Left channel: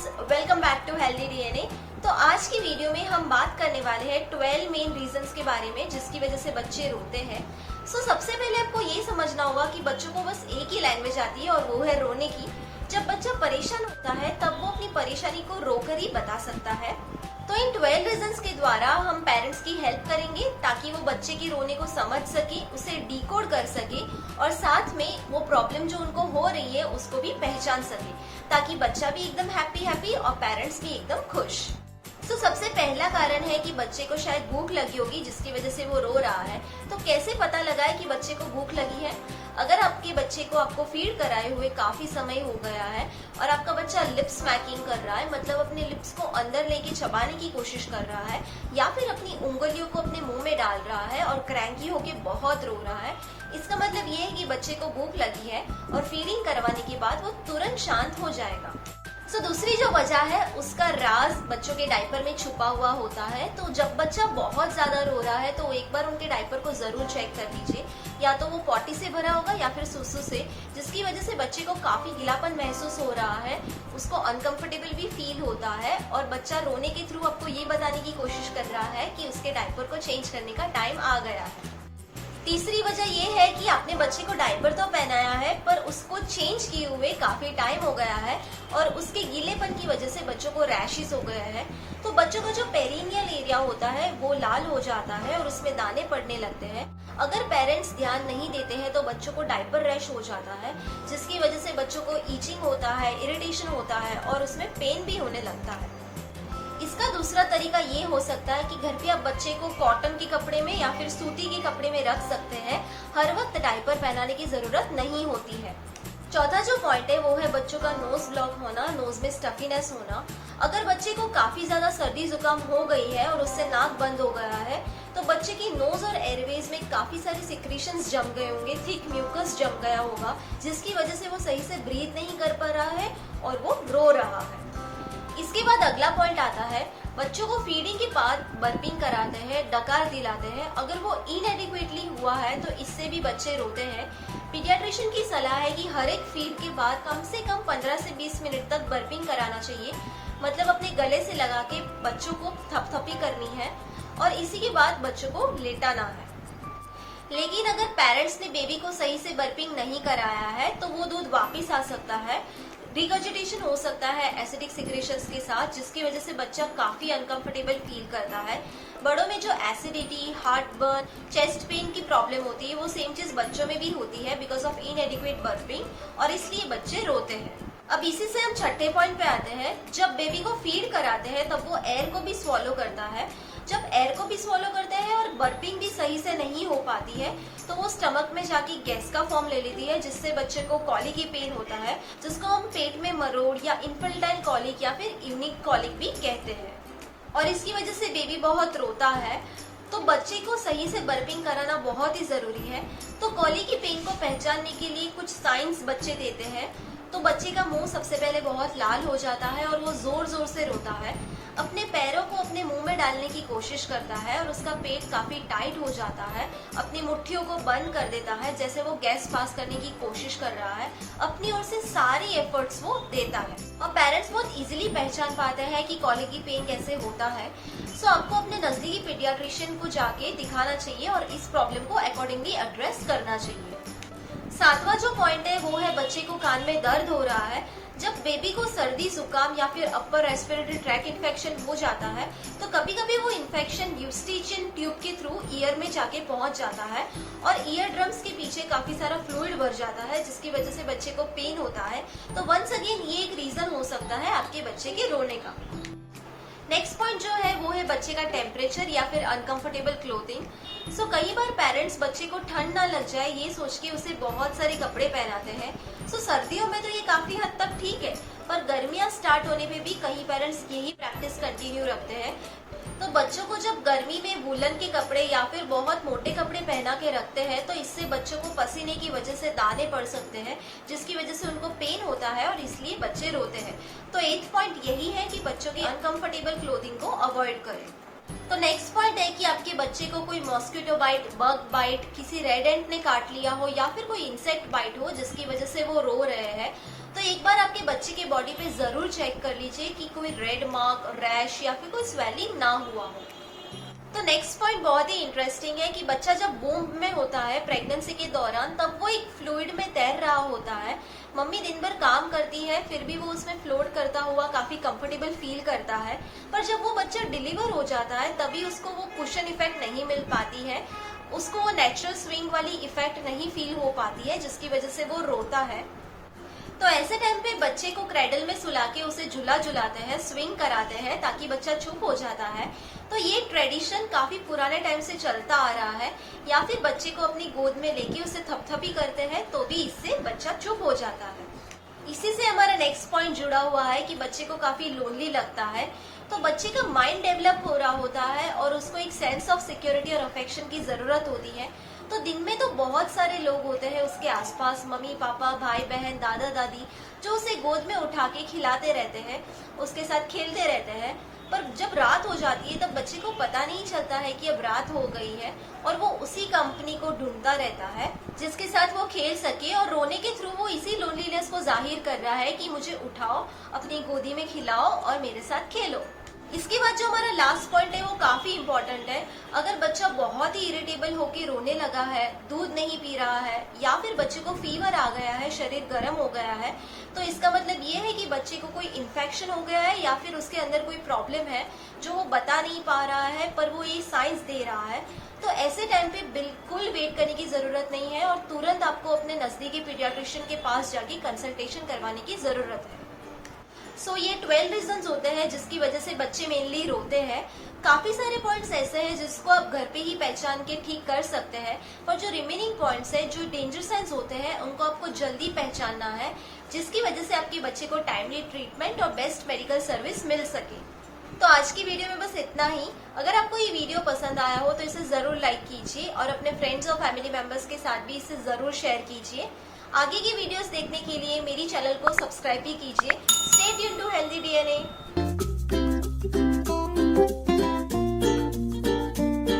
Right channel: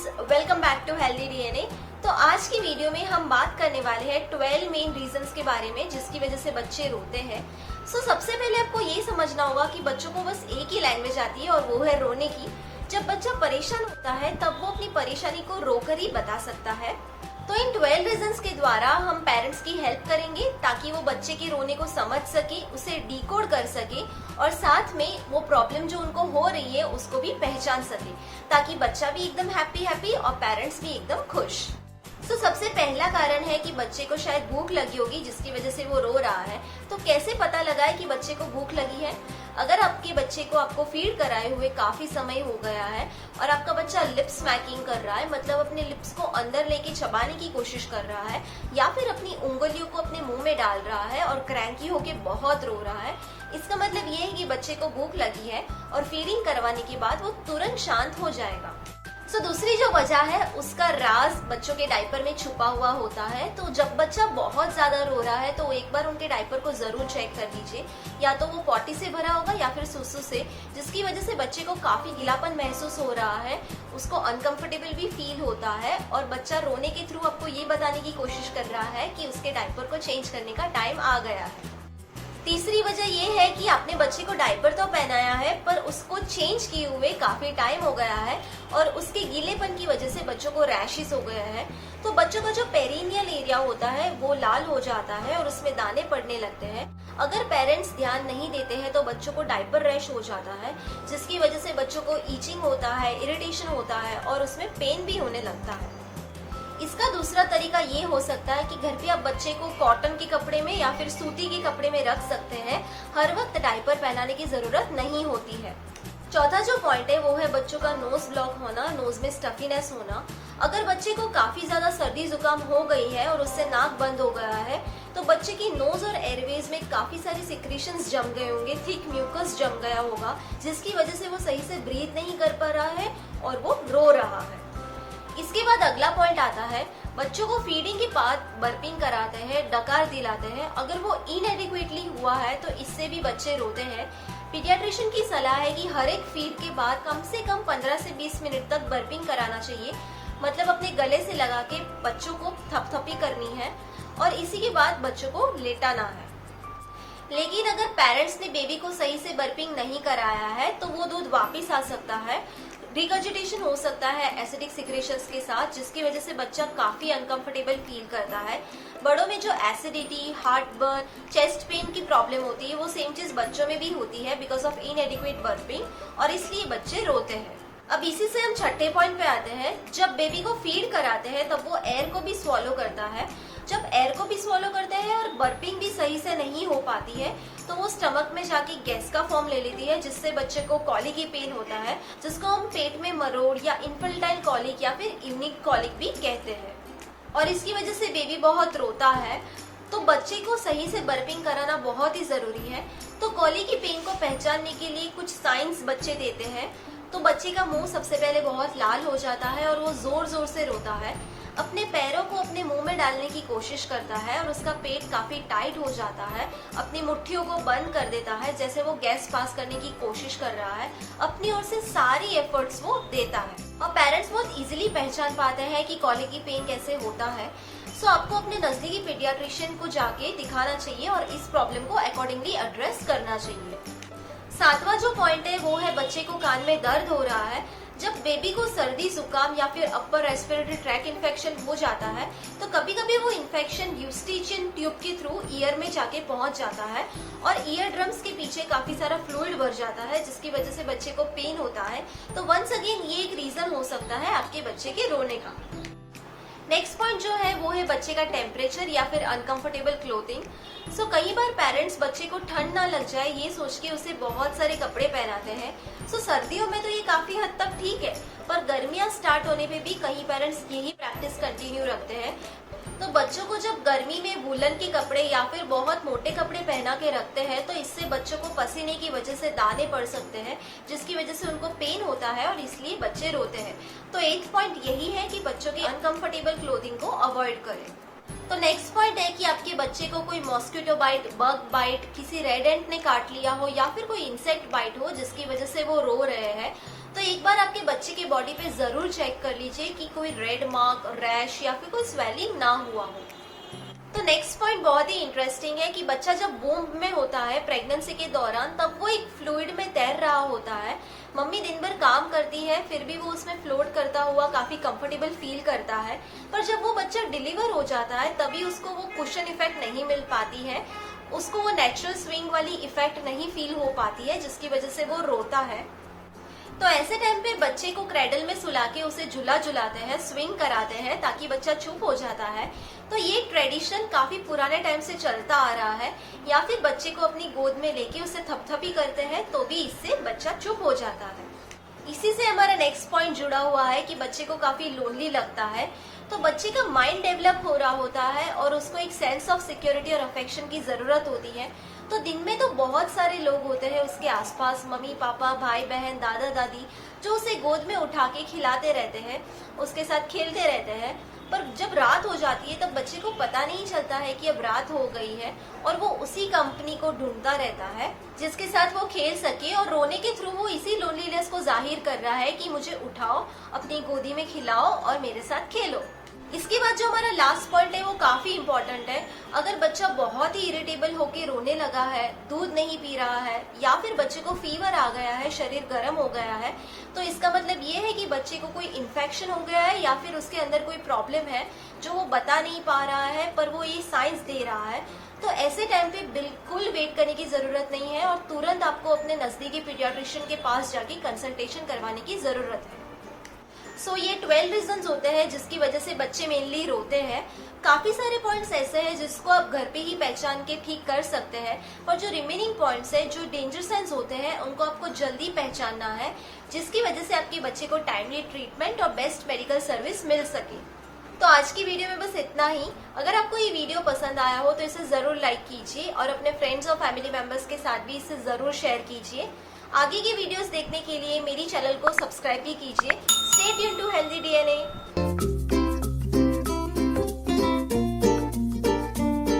Friends, welcome back to healthy DNA. तो आज की वीडियो में हम बात करने वाले हैं 12 मेन रीजंस के बारे में जिसकी वजह से बच्चे रोते हैं। सबसे पहले आपको ये समझना होगा कि बच्चों को बस एक ही लैंग्वेज आती है और वो है रोने की। जब बच्चा परेशान होता है तब वो अपनी परेशानी को रोकर ही बता सकता है। तो इन 12 रीजंस के द्वारा हम पेरेंट्स की हेल्प करेंगे ताकि वो बच्चे के रोने को समझ सके, उसे डिकोड कर सके और साथ में वो प्रॉब्लम जो उनको हो रही है उसको भी पहचान सके, ताकि बच्चा भी एकदम हैप्पी और पेरेंट्स भी एकदम खुश। सबसे पहला कारण है कि बच्चे को शायद भूख लगी होगी जिसकी वजह से वो रो रहा है। तो कैसे पता लगाए कि बच्चे को भूख लगी है? अगर आपके बच्चे को आपको फीड कराए हुए काफी समय हो गया है और आपका बच्चा लिप्स स्मैकिंग कर रहा है, मतलब अपने लिप्स को अंदर लेके चबाने की कोशिश कर रहा है, या फिर अपनी उंगलियों को अपने मुंह में डाल रहा है और क्रैंकी होके बहुत रो रहा है, इसका मतलब ये है कि बच्चे को भूख लगी है और फीडिंग करवाने के बाद वो तुरंत शांत हो जाएगा। दूसरी जो वजह है उसका राज बच्चों के डायपर में छुपा हुआ होता है। तो जब बच्चा बहुत ज्यादा रो रहा है तो एक बार उनके डायपर को जरूर चेक कर लीजिए, या तो वो पॉटी से भरा होगा या फिर सुसु से, जिसकी वजह से बच्चे को काफी गीलापन महसूस हो रहा है, उसको अनकंफर्टेबल भी फील होता है और बच्चा रोने के थ्रू आपको ये बताने की कोशिश कर रहा है कि उसके डायपर को चेंज करने का टाइम आ गया है। तीसरी वजह ये है कि आपने बच्चे को डायपर तो पहनाया है पर उसको चेंज किए हुए काफी टाइम हो गया है और उसके गीलेपन की वजह से बच्चों को रैशेस हो गया है। तो बच्चों का जो पेरिनियल एरिया होता है वो लाल हो जाता है और उसमें दाने पड़ने लगते हैं। अगर पेरेंट्स ध्यान नहीं देते हैं तो बच्चों को डायपर रैश हो जाता है, जिसकी वजह से बच्चों को ईचिंग होता है, इरिटेशन होता है और उसमें पेन भी होने लगता है। इसका दूसरा तरीका ये हो सकता है कि घर के आप बच्चे को कॉटन के कपड़े में या फिर सूती के कपड़े में रख सकते हैं। हर वक्त डायपर पहनाने की जरूरत नहीं होती है। चौथा जो पॉइंट है वो है बच्चों का नोज ब्लॉक होना, नोज में स्टफीनेस होना। अगर बच्चे को काफी ज्यादा सर्दी जुकाम हो गई है और उससे नाक बंद हो गया है तो बच्चे की नोज और एयरवेज में काफी सारे सिक्रीशंस जम गए होंगे, थिक म्यूकस जम गया होगा, जिसकी वजह से वो सही से ब्रीथ नहीं कर पा रहा है और वो रो रहा है। इसके बाद अगला पॉइंट आता है, बच्चों को फीडिंग के बाद बर्पिंग कराते हैं, डकार दिलाते हैं। अगर वो इनएडिक्वेटली हुआ है तो इससे भी बच्चे रोते हैं। पीडियाट्रिशियन की सलाह है कि हर एक फीड के बाद कम से कम 15 से 20 मिनट तक बर्पिंग कराना चाहिए, मतलब अपने गले से लगा के बच्चों को थपथपी करनी है और इसी के बाद बच्चों को लेटाना है। लेकिन अगर पेरेंट्स ने बेबी को सही से बर्पिंग नहीं कराया है तो वो दूध वापस आ सकता है, रिगर्जिटेशन हो सकता है एसिडिक सिक्रेशंस के साथ, जिसकी वजह से बच्चा काफी अनकंफर्टेबल फील करता है। बड़ों में जो acidity, heart burn, chest pain की प्रॉब्लम होती है वो सेम चीज बच्चों में भी होती है बिकॉज ऑफ इनएडिक्वेट बर्पिंग और इसलिए बच्चे रोते हैं। अब इसी से हम छठे पॉइंट पे आते हैं। जब बेबी को फीड कराते हैं तब वो एयर को भी स्वॉलो करता है। जब एयर को भी स्वॉलो करते हैं और बर्पिंग भी सही से नहीं हो पाती है तो वो स्टमक में जाके गैस का फॉर्म ले लेती है, जिससे बच्चे को कॉलिक की पेन होता है, जिसको हम पेट में मरोड़ या इन्फेंटाइल कॉलिक या फिर यूनिक कॉलिक भी कहते हैं। और इसकी वजह से बेबी बहुत रोता है। तो बच्चे को सही से बर्पिंग कराना बहुत ही जरूरी है। तो कॉलिक की पेन को पहचानने के लिए कुछ साइंस बच्चे देते हैं। तो बच्चे का मुंह सबसे पहले बहुत लाल हो जाता है और वो जोर जोर से रोता है, अपने पैरों को अपने मुंह में डालने की कोशिश करता है और उसका पेट काफी टाइट हो जाता है, अपनी मुट्ठियों को बंद कर देता है जैसे वो गैस पास करने की कोशिश कर रहा है, अपनी ओर से सारी एफर्ट्स वो देता है। और पेरेंट्स बहुत इजीली पहचान पाते हैं कि कॉलिक की पेन कैसे होता है। आपको अपने नजदीकी पीडियाट्रिशियन को जाके दिखाना चाहिए और इस प्रॉब्लम को अकॉर्डिंगली एड्रेस करना चाहिए। सातवां जो पॉइंट है वो है बच्चे को कान में दर्द हो रहा है। जब बेबी को सर्दी जुकाम या फिर अपर रेस्पिरेटरी ट्रैक इन्फेक्शन हो जाता है तो कभी कभी वो इन्फेक्शन यूस्टिचियन ट्यूब के थ्रू ईयर में जाके पहुंच जाता है और ईयर ड्रम्स के पीछे काफी सारा फ्लूइड भर जाता है, जिसकी वजह से बच्चे को पेन होता है। तो वंस अगेन ये एक रीजन हो सकता है आपके बच्चे के रोने का। नेक्स्ट पॉइंट जो है वो है बच्चे का टेम्परेचर या फिर अनकंफर्टेबल क्लोथिंग। कई बार पेरेंट्स बच्चे को ठंड ना लग जाए ये सोच के उसे बहुत सारे कपड़े पहनाते हैं। सर्दियों में तो ये काफी हद तक ठीक है, पर गर्मियां स्टार्ट होने पे भी कई पेरेंट्स यही प्रैक्टिस कंटिन्यू रखते हैं। तो बच्चों को जब गर्मी में वूलन के कपड़े या फिर बहुत मोटे कपड़े पहना के रखते हैं तो इससे बच्चों को पसीने की वजह से दाने पड़ सकते हैं, जिसकी वजह से उनको पेन होता है और इसलिए बच्चे रोते हैं। तो 8th पॉइंट यही है कि बच्चों की अनकंफर्टेबल क्लोथिंग को अवॉइड करें। तो नेक्स्ट पॉइंट है कि आपके बच्चे को कोई मॉस्किटो बाइट, बग बाइट, किसी रेड एंट ने काट लिया हो या फिर कोई इंसेक्ट बाइट हो जिसकी वजह से वो रो रहे हैं। तो एक बार आपके बच्चे की बॉडी पे जरूर चेक कर लीजिए कि कोई रेड मार्क, रैश या फिर कोई स्वेलिंग ना हुआ हो। तो नेक्स्ट पॉइंट बहुत ही इंटरेस्टिंग है कि बच्चा जब वूम्ब में होता है प्रेगनेंसी के दौरान, तब वो एक फ्लूइड में तैर रहा होता है। मम्मी दिन भर काम करती है, फिर भी वो उसमें फ्लोट करता हुआ काफी कंफर्टेबल फील करता है। पर जब वो बच्चा डिलीवर हो जाता है तभी उसको वो कुशन इफेक्ट नहीं मिल पाती है, उसको वो नेचुरल स्विंग वाली इफेक्ट नहीं फील हो पाती है, जिसकी वजह से वो रोता है। तो ऐसे टाइम पे बच्चे को क्रेडल में सुला के उसे झुला झुलाते हैं, स्विंग कराते हैं ताकि बच्चा चुप हो जाता है। तो ये ट्रेडिशन काफी पुराने टाइम से चलता आ रहा है। या फिर बच्चे को अपनी गोद में लेके उसे थपथपी करते हैं तो भी इससे बच्चा चुप हो जाता है। इसी से हमारा नेक्स्ट पॉइंट जुड़ा हुआ है कि बच्चे को काफी लोनली लगता है। तो बच्चे का माइंड डेवलप हो रहा होता है और उसको एक सेंस ऑफ सिक्योरिटी और अफेक्शन की जरूरत होती है। तो दिन में तो बहुत सारे लोग होते हैं उसके आसपास, मम्मी पापा, भाई बहन, दादा दादी, जो उसे गोद में उठा के खिलाते रहते हैं, उसके साथ खेलते रहते हैं। पर जब रात हो जाती है तब बच्चे को पता नहीं चलता है कि अब रात हो गई है और वो उसी कंपनी को ढूंढता रहता है जिसके साथ वो खेल सके, और रोने के थ्रू वो इसी लोनलीनेस को जाहिर कर रहा है कि मुझे उठाओ, अपनी गोदी में खिलाओ और मेरे साथ खेलो। इसके बाद जो हमारा लास्ट पॉइंट है वो काफी इम्पोर्टेंट है। अगर बच्चा बहुत ही इरिटेबल होकर रोने लगा है, दूध नहीं पी रहा है या फिर बच्चे को फीवर आ गया है, शरीर गर्म हो गया है, तो इसका मतलब ये है कि बच्चे को कोई इन्फेक्शन हो गया है या फिर उसके अंदर कोई प्रॉब्लम है जो वो बता नहीं पा रहा है पर वो ये साइंस दे रहा है। तो ऐसे टाइम पे बिल्कुल वेट करने की जरूरत नहीं है और तुरंत आपको अपने नजदीकी पीडियाट्रिशियन के पास जाके कंसल्टेशन करवाने की जरूरत है। सो ये 12 रीजंस होते हैं जिसकी वजह से बच्चे मेनली रोते हैं। काफी सारे पॉइंट्स ऐसे हैं जिसको आप घर पे ही पहचान के ठीक कर सकते हैं, पर जो रिमेनिंग पॉइंट्स हैं, जो डेंजर साइंस होते हैं, उनको आपको जल्दी पहचानना है, जिसकी वजह से आपके बच्चे को टाइमली ट्रीटमेंट और बेस्ट मेडिकल सर्विस मिल सके। तो आज की वीडियो में बस इतना ही। अगर आपको ये वीडियो पसंद आया हो तो इसे जरूर लाइक कीजिए और अपने फ्रेंड्स और फैमिली मेंबर्स के साथ भी इसे जरूर शेयर कीजिए। आगे की वीडियोस देखने के लिए मेरी चैनल को सब्सक्राइब भी कीजिए। Stay tuned to healthy